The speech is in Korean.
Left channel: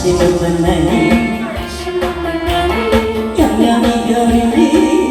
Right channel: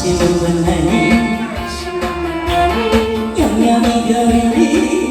She was a name. You.